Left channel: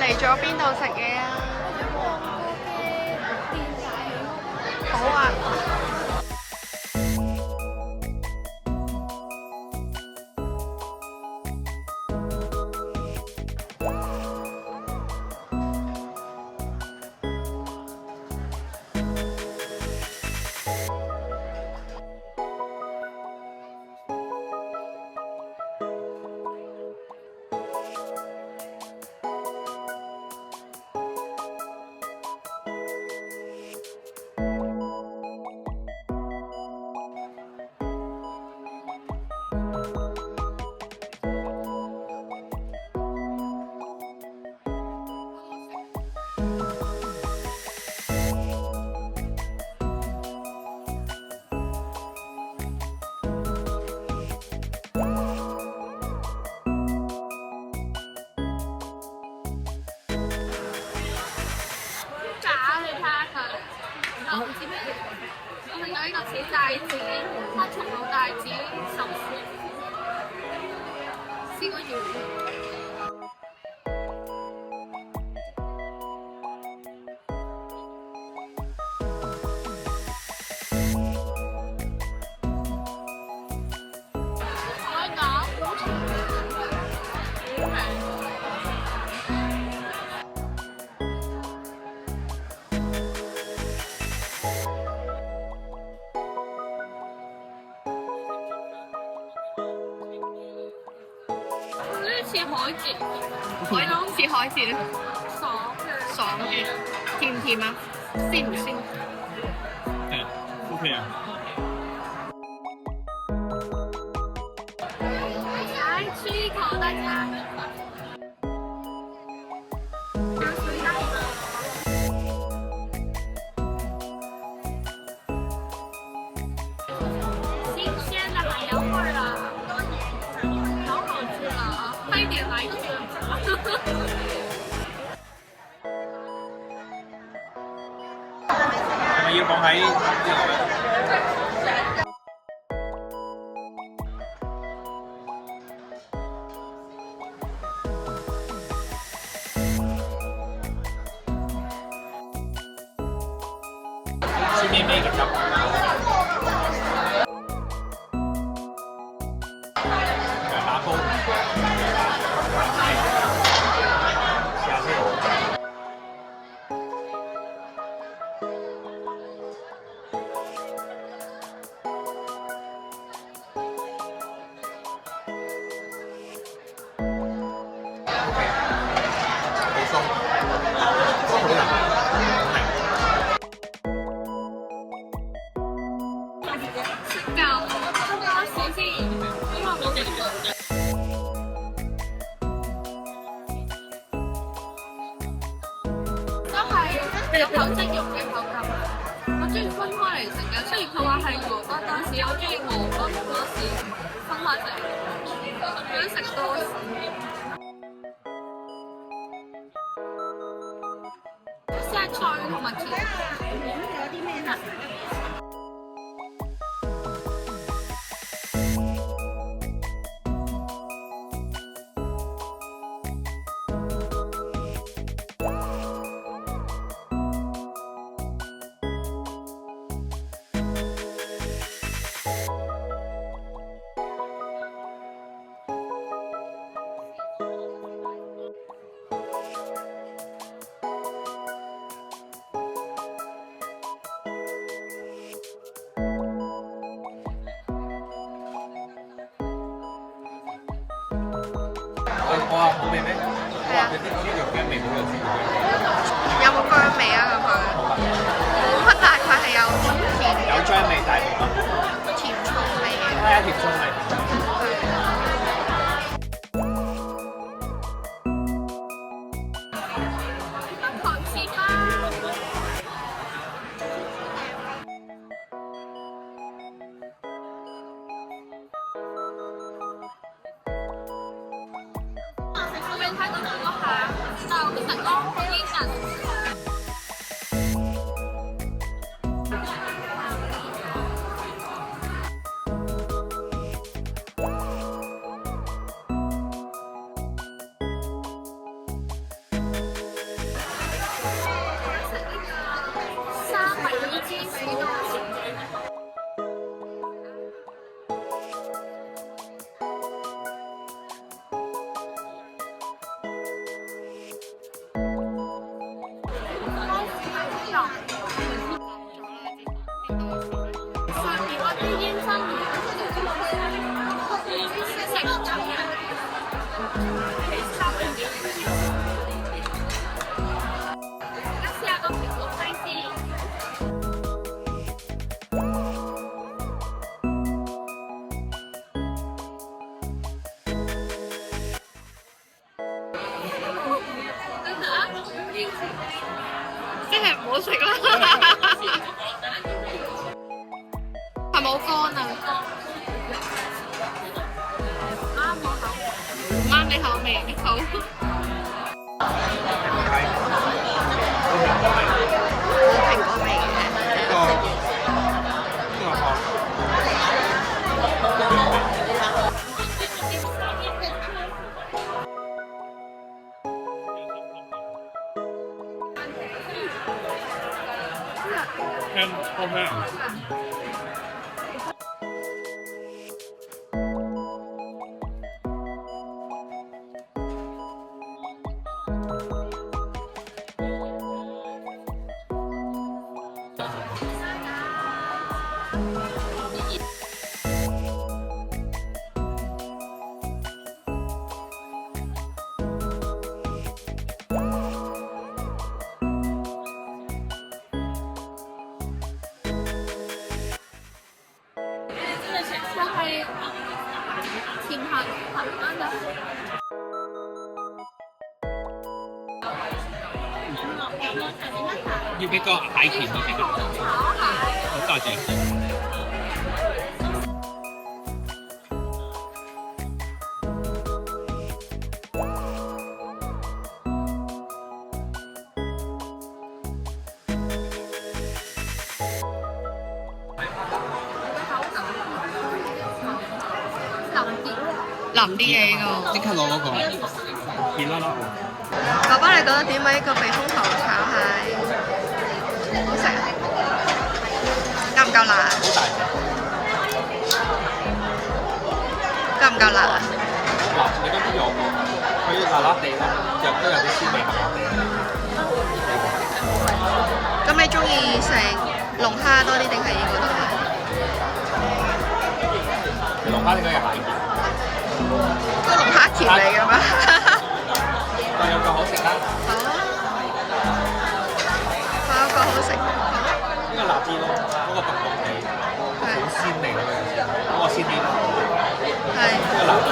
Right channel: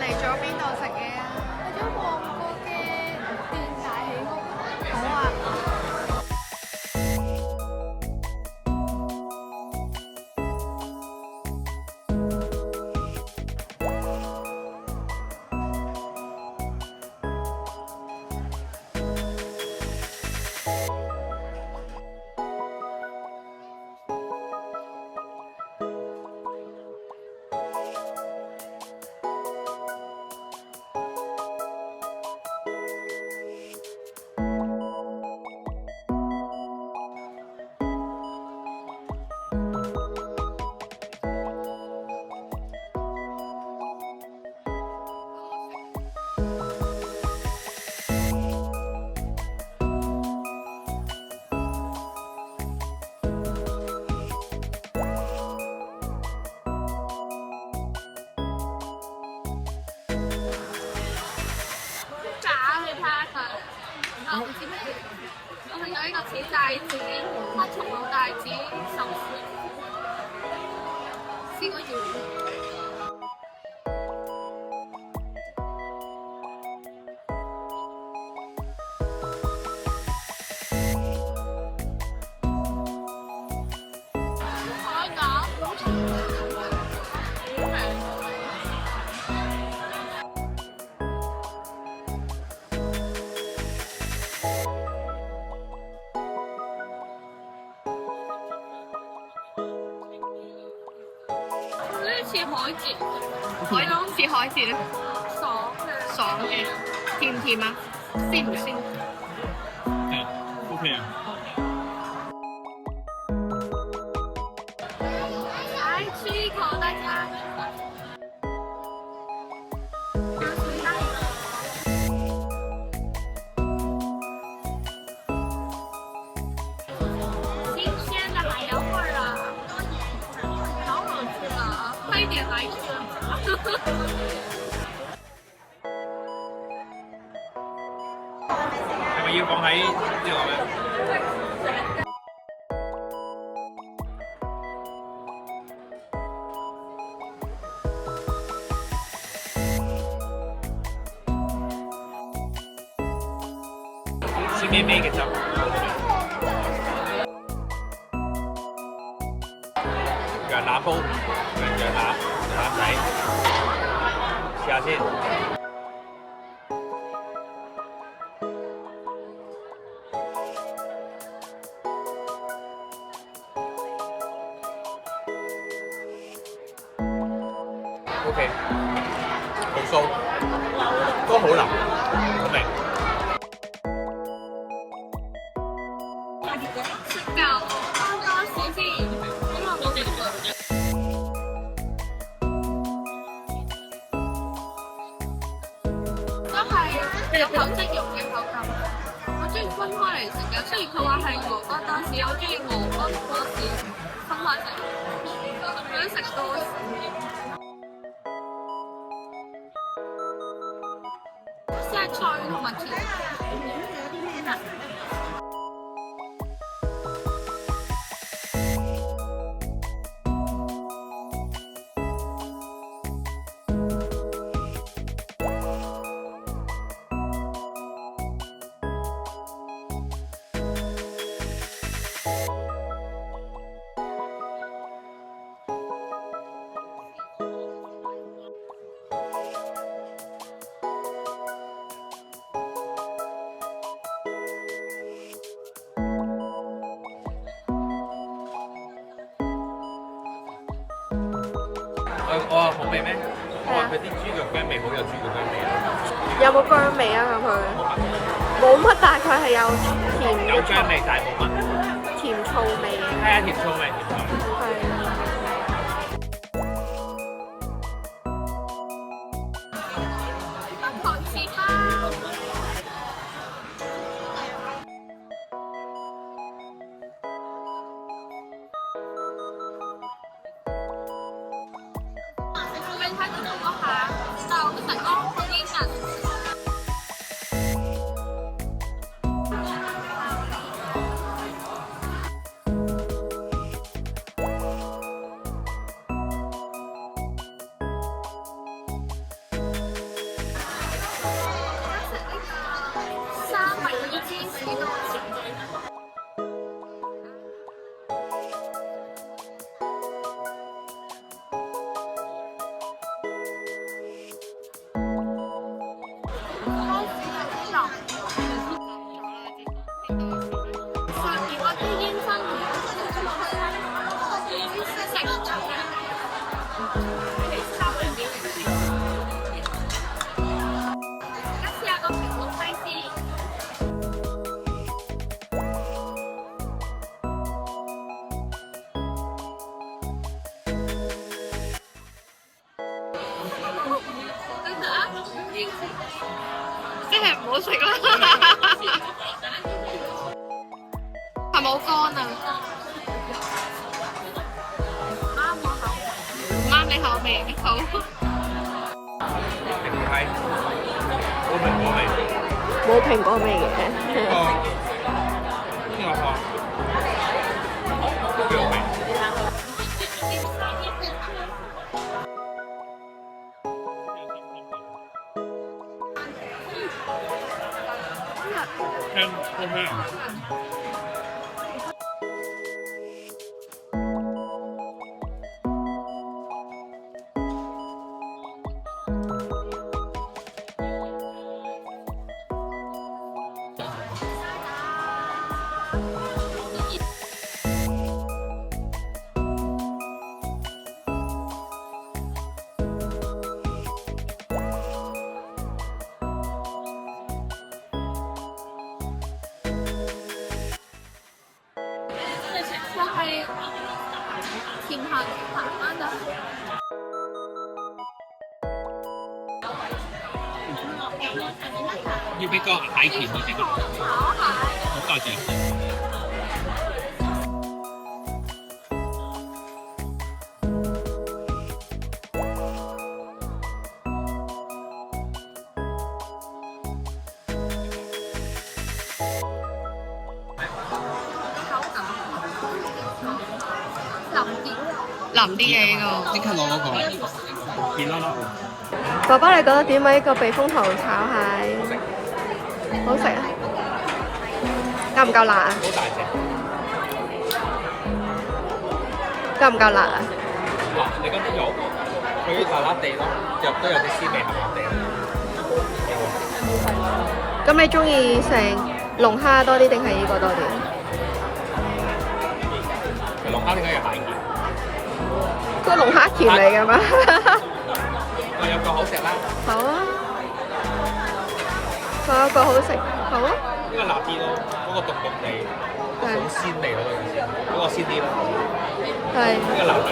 嚟咗邊度食嘢啊？去咗旺角嘅電大喜屋。好啊！我唔知咩嚟，我見到呢個小帶子，黑松露帶子壽司，試過要。海膽，好平。似海蜇，海膽似海蜇，爽嘅，甜唔甜啊？鮮唔鮮？係 OK 啊。來吃一口，大家。新鮮的海洋味兒啊！好好吃啊！快點來吃！係咪要放喺呢度咧？酸咩咩嘅汁。羊腩煲，羊腩仔，試下先。OK， 好鬆，都好腍，好味。食夠多士先，因為冇食過。都係有口即溶嘅口感。我中意分開嚟食嘅，雖然佢話係鵝肝多士，我中意鵝肝多士分開食，想食多士。生菜同埋甜。有啲咩啊？我話冇味咩？我話佢啲豬腳薑味好有豬腳薑味。有冇薑味啊？咁佢冇乜，但係佢係有甜有薑味，但係冇乜。甜醋味嘅。係啊，甜醋味。北韓翅包。我未睇到嗰下，就成安好煙韌。芝士多士。上面嗰啲煙熏魚，食係三文魚。而家試下個蘋果西施。即係唔好食啦，係咪好乾啊？啱我口味，唔啱你口味，好。評批，冇蘋果味，冇蘋果味嘅。呢個殼腳味。聽好咩？就係甜鹹鹹啱就。要俾個蟹鉗你食啊！炒蟹。好多謝。淋啲嘢呢個。即刻攞嗰個熱啦啦。爸爸，你覺得點啊？呢個避風塘炒蟹好食啊？夠唔夠辣？好大隻。夠唔夠辣啊？嗱，你覺得肉佢辣辣地咯，肉都有啲鮮味鹹鹹地。咁你中意食龍蝦多啲定係呢個都係？龍蝦點解要蟹鉗？都龍蝦鉗嚟嘅咩？但有個好食啦。好，有個好食。好。呢個辣啲咯，嗰個凍凍地，好鮮味咯，嗰個鮮啲咯。係。呢個辣啲。